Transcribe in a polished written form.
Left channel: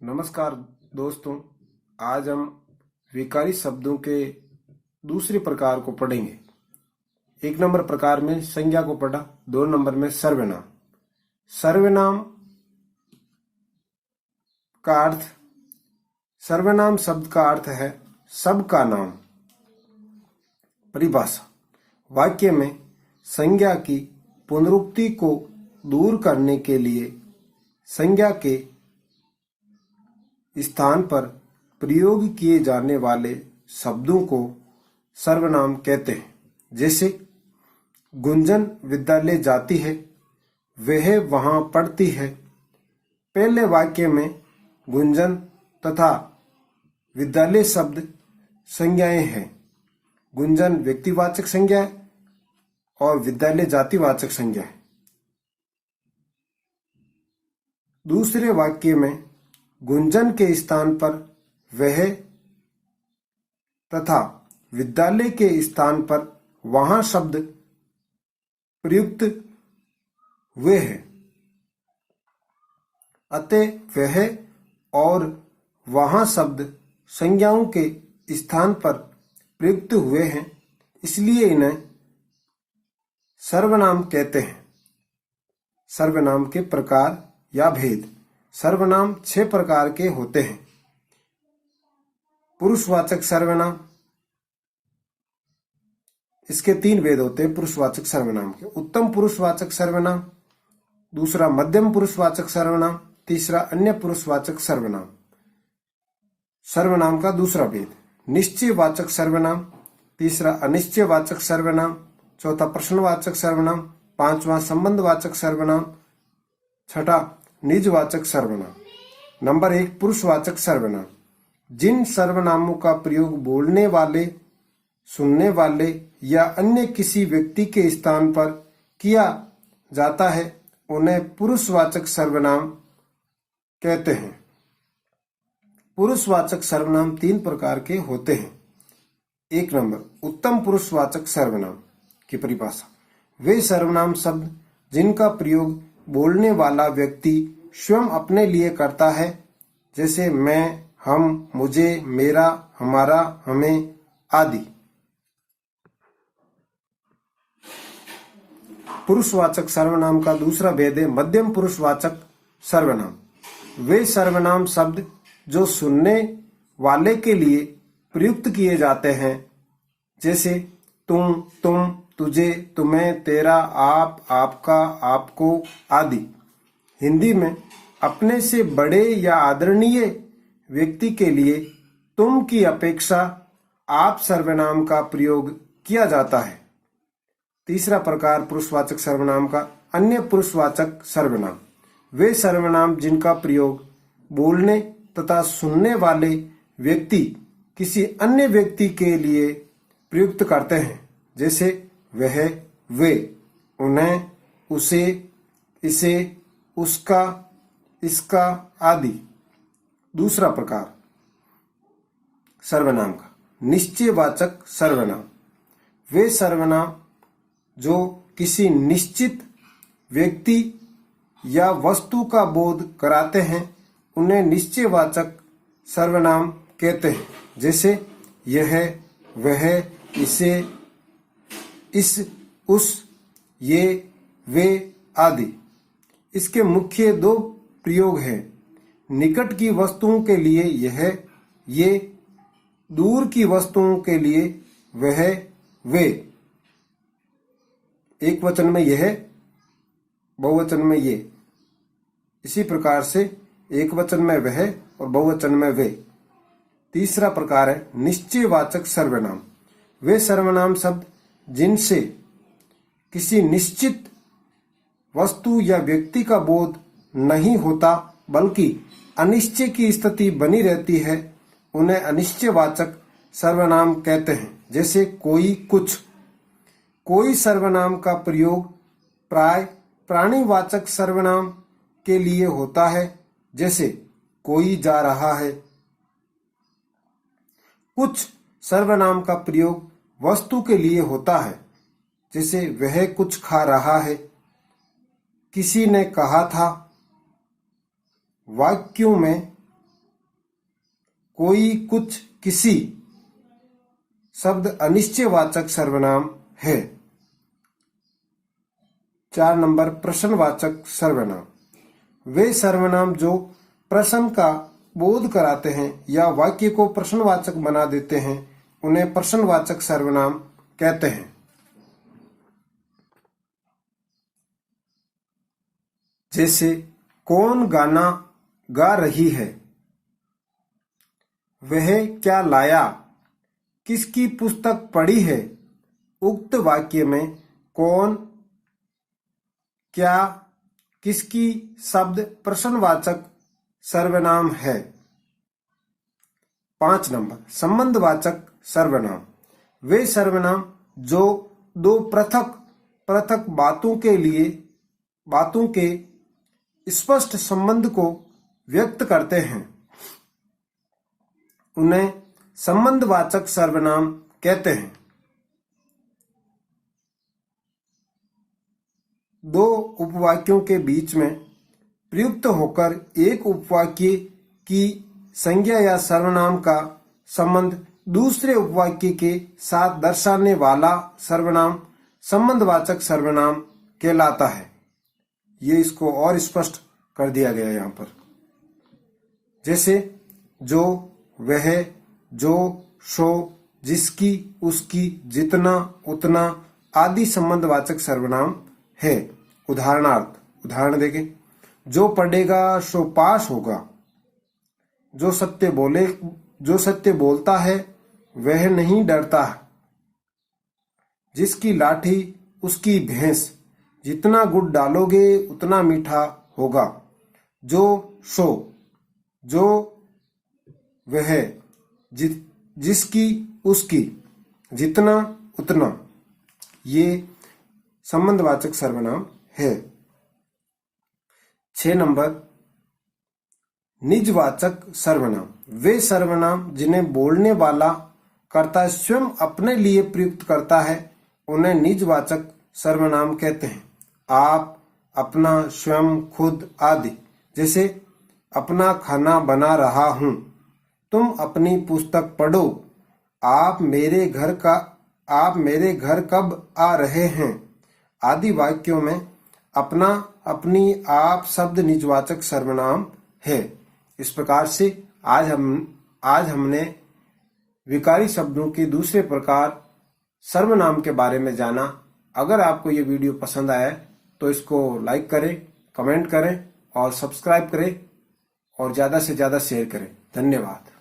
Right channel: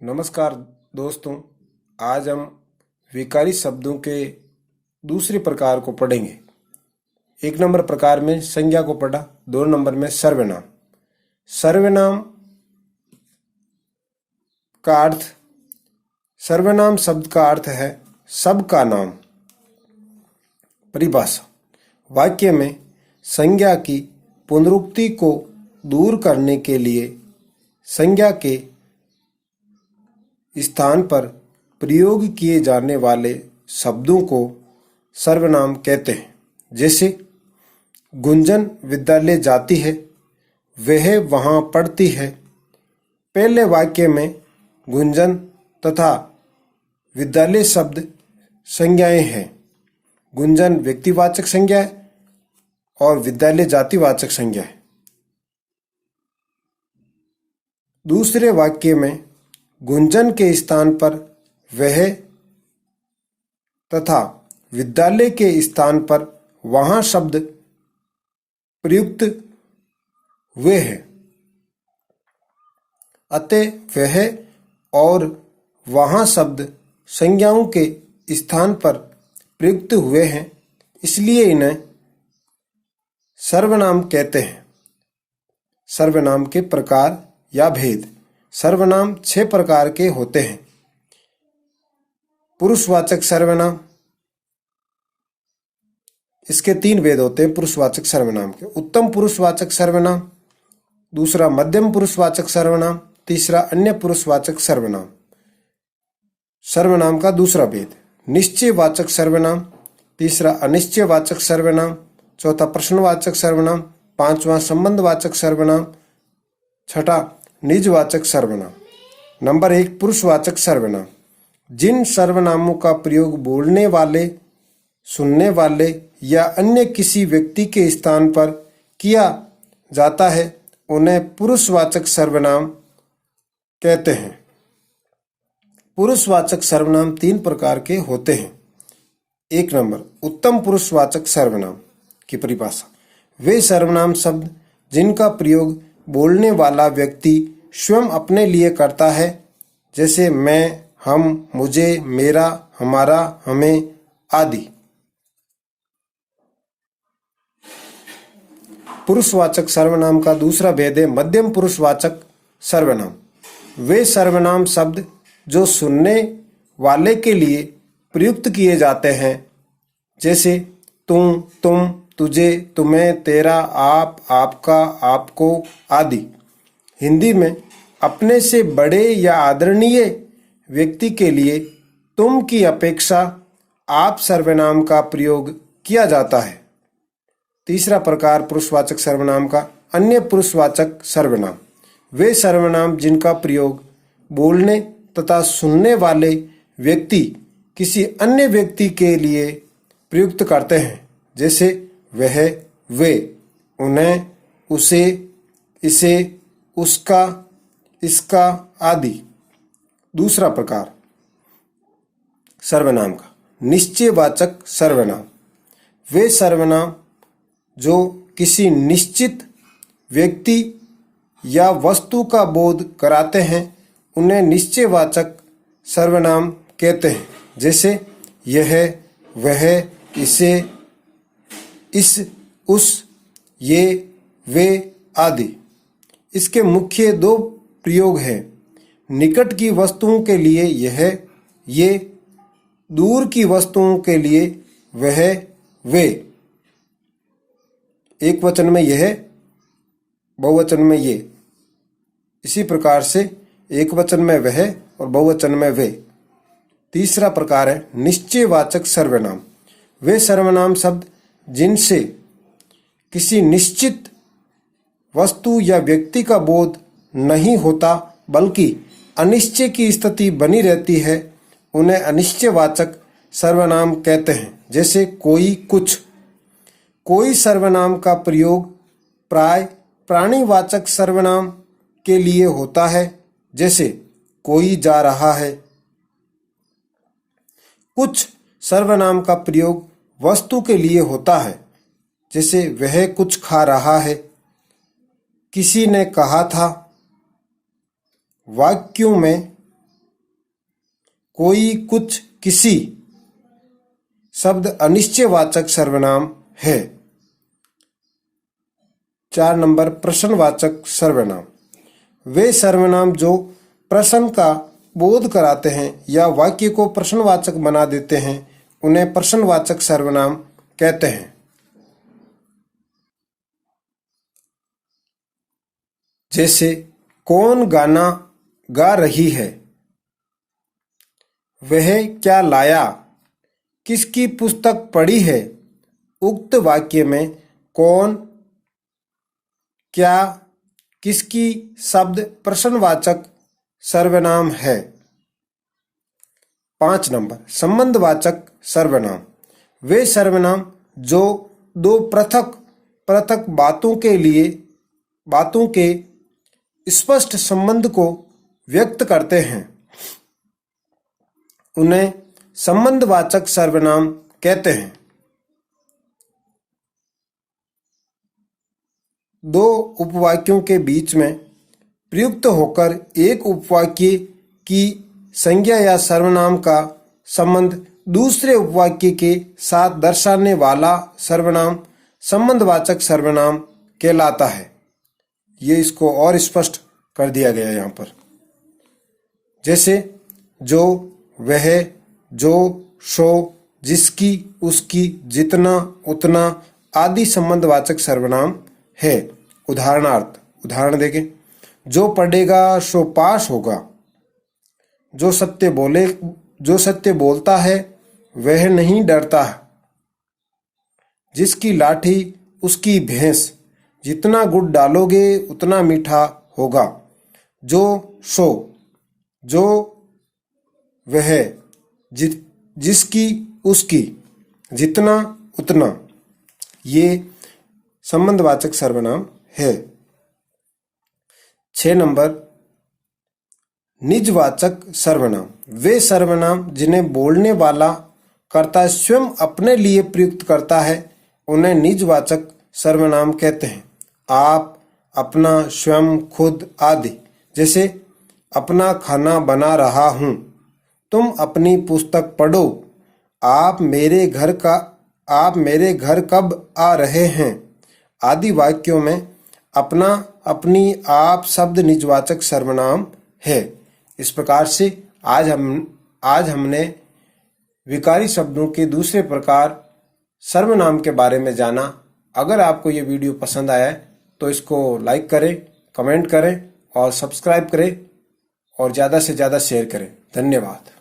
नमस्कार दोस्तों। आज हम विकारी शब्दों के दूसरे प्रकार को पढ़ेंगे। 1 नंबर प्रकार में संज्ञा को पढ़ा, 2 नंबर में सर्वनाम। सर्वनाम का अर्थ, सर्वनाम शब्द का अर्थ है सबका नाम। परिभाषा, वाक्य में संज्ञा की पुनरुक्ति को दूर करने के लिए संज्ञा के स्थान पर प्रयोग किए जाने वाले शब्दों को सर्वनाम कहते हैं। जैसे गुंजन विद्यालय जाती है, वह वहाँ पढ़ती है। पहले वाक्य में गुंजन तथा विद्यालय शब्द संज्ञाएं हैं। गुंजन व्यक्तिवाचक संज्ञा है और विद्यालय जातिवाचक संज्ञा है। दूसरे वाक्य में गुंजन के स्थान पर वह तथा विद्यालय के स्थान पर वहाँ शब्द प्रयुक्त हुए हैं। अतः वह और वहाँ शब्द संज्ञाओं के स्थान पर प्रयुक्त हुए हैं, इसलिए इन्हें सर्वनाम कहते हैं। सर्वनाम के प्रकार या भेद। सर्वनाम 6 प्रकार के होते हैं। पुरुषवाचक सर्वनाम, इसके 3 भेद होते हैं पुरुषवाचक सर्वनाम के। उत्तम पुरुषवाचक सर्वनाम, दूसरा मध्यम पुरुषवाचक सर्वनाम, तीसरा अन्य पुरुषवाचक सर्वनाम। सर्वनाम का दूसरा भेद, निश्चयवाचक सर्वनाम, तीसरा अनिश्चयवाचक सर्वनाम, चौथा प्रश्नवाचक सर्वनाम, पांचवा संबंधवाचक सर्वनाम, छठा निजवाचक सर्वनाम। नंबर 1, पुरुषवाचक सर्वनाम। जिन सर्वनामों का प्रयोग बोलने वाले, सुनने वाले या अन्य किसी व्यक्ति के स्थान पर किया जाता है, उन्हें पुरुषवाचक सर्वनाम कहते हैं। पुरुषवाचक सर्वनाम 3 प्रकार के होते हैं। 1 नंबर, उत्तम पुरुषवाचक सर्वनाम की परिभाषा। वे सर्वनाम शब्द जिनका प्रयोग बोलने वाला व्यक्ति स्वयं अपने लिए करता है, जैसे मैं, हम, मुझे, मेरा, हमारा, हमें आदि। पुरुषवाचक सर्वनाम का दूसरा भेद है मध्यम पुरुषवाचक सर्वनाम। वे सर्वनाम शब्द जो सुनने वाले के लिए प्रयुक्त किए जाते हैं, जैसे तुम, तुम, तुझे, तुम्हें, तेरा, आप, आपका, आपको आदि। हिंदी में अपने से बड़े या आदरणीय व्यक्ति के लिए तुम की अपेक्षा आप सर्वनाम का प्रयोग किया जाता है। तीसरा प्रकार पुरुषवाचक सर्वनाम का, अन्य पुरुषवाचक सर्वनाम। वे सर्वनाम जिनका प्रयोग बोलने तथा सुनने वाले व्यक्ति किसी अन्य व्यक्ति के लिए प्रयुक्त करते हैं, जैसे वह, वे, उन्हें, उसे, इसे, उसका, इसका आदि। दूसरा प्रकार सर्वनाम का, निश्चयवाचक सर्वनाम। वे सर्वनाम जो किसी निश्चित व्यक्ति या वस्तु का बोध कराते हैं, उन्हें निश्चयवाचक सर्वनाम कहते हैं, जैसे यह, वह, इसे, इस, उस, ये, वे आदि। इसके मुख्य 2 प्रयोग हैं। निकट की वस्तुओं के लिए यह, ये, दूर की वस्तुओं के लिए वह, वे। एक वचन में यह, बहुवचन में ये। इसी प्रकार से एक वचन में वह और बहुवचन में वे। तीसरा प्रकार है निश्चयवाचक सर्वनाम। वे सर्वनाम शब्द जिनसे किसी निश्चित वस्तु या व्यक्ति का बोध नहीं होता, बल्कि अनिश्चय की स्थिति बनी रहती है, उन्हें अनिश्चयवाचक सर्वनाम कहते हैं, जैसे कोई, कुछ। कोई सर्वनाम का प्रयोग प्राय प्राणीवाचक सर्वनाम के लिए होता है, जैसे कोई जा रहा है। कुछ सर्वनाम का प्रयोग वस्तु के लिए होता है, जैसे वह कुछ खा रहा है, किसी ने कहा था। वाक्यों में कोई, कुछ, किसी शब्द अनिश्चयवाचक सर्वनाम है। 4 नंबर प्रश्नवाचक सर्वनाम। वे सर्वनाम जो प्रश्न का बोध कराते हैं या वाक्य को प्रश्नवाचक बना देते हैं उन्हें प्रश्नवाचक सर्वनाम कहते हैं। जैसे कौन गाना गा रही है, वह क्या लाया, किसकी पुस्तक पढ़ी है। उक्त वाक्य में कौन, क्या, किसकी शब्द प्रश्नवाचक सर्वनाम है। 5 नंबर संबंधवाचक सर्वनाम। वे सर्वनाम जो दो पृथक पृथक बातों के स्पष्ट संबंध को व्यक्त करते हैं उन्हें संबंधवाचक सर्वनाम कहते हैं। दो उपवाक्यों के बीच में प्रयुक्त होकर एक उपवाक्य की संज्ञा या सर्वनाम का संबंध दूसरे उपवाक्य के साथ दर्शाने वाला सर्वनाम संबंधवाचक सर्वनाम कहलाता है। ये इसको और स्पष्ट कर दिया गया है यहाँ पर। जैसे जो, वह, जो, सो, जिसकी, उसकी, जितना, उतना आदि संबंधवाचक सर्वनाम है। उदाहरण देखें। जो पढ़ेगा सो पास होगा। जो सत्य बोलता है वह नहीं डरता। जिसकी लाठी उसकी भैंस, जितना गुड़ डालोगे उतना मीठा होगा। जो, सो, जो, वह, जिसकी, उसकी, जितना, उतना, ये संबंधवाचक सर्वनाम है। 6 नंबर निजवाचक सर्वनाम। वे सर्वनाम जिन्हें बोलने वाला कर्ता स्वयं अपने लिए प्रयुक्त करता है उन्हें निजवाचक सर्वनाम कहते हैं। आप, अपना, स्वयं, खुद आदि। जैसे अपना खाना बना रहा हूँ, तुम अपनी पुस्तक पढ़ो, आप मेरे घर कब आ रहे हैं आदि वाक्यों में अपना, अपनी, आप शब्द निजवाचक सर्वनाम है। इस प्रकार से आज हमने विकारी शब्दों के दूसरे प्रकार सर्वनाम के बारे में जाना। अगर आपको ये वीडियो पसंद आया तो इसको लाइक करें, कमेंट करें और सब्सक्राइब करें और ज़्यादा से ज़्यादा शेयर करें। धन्यवाद।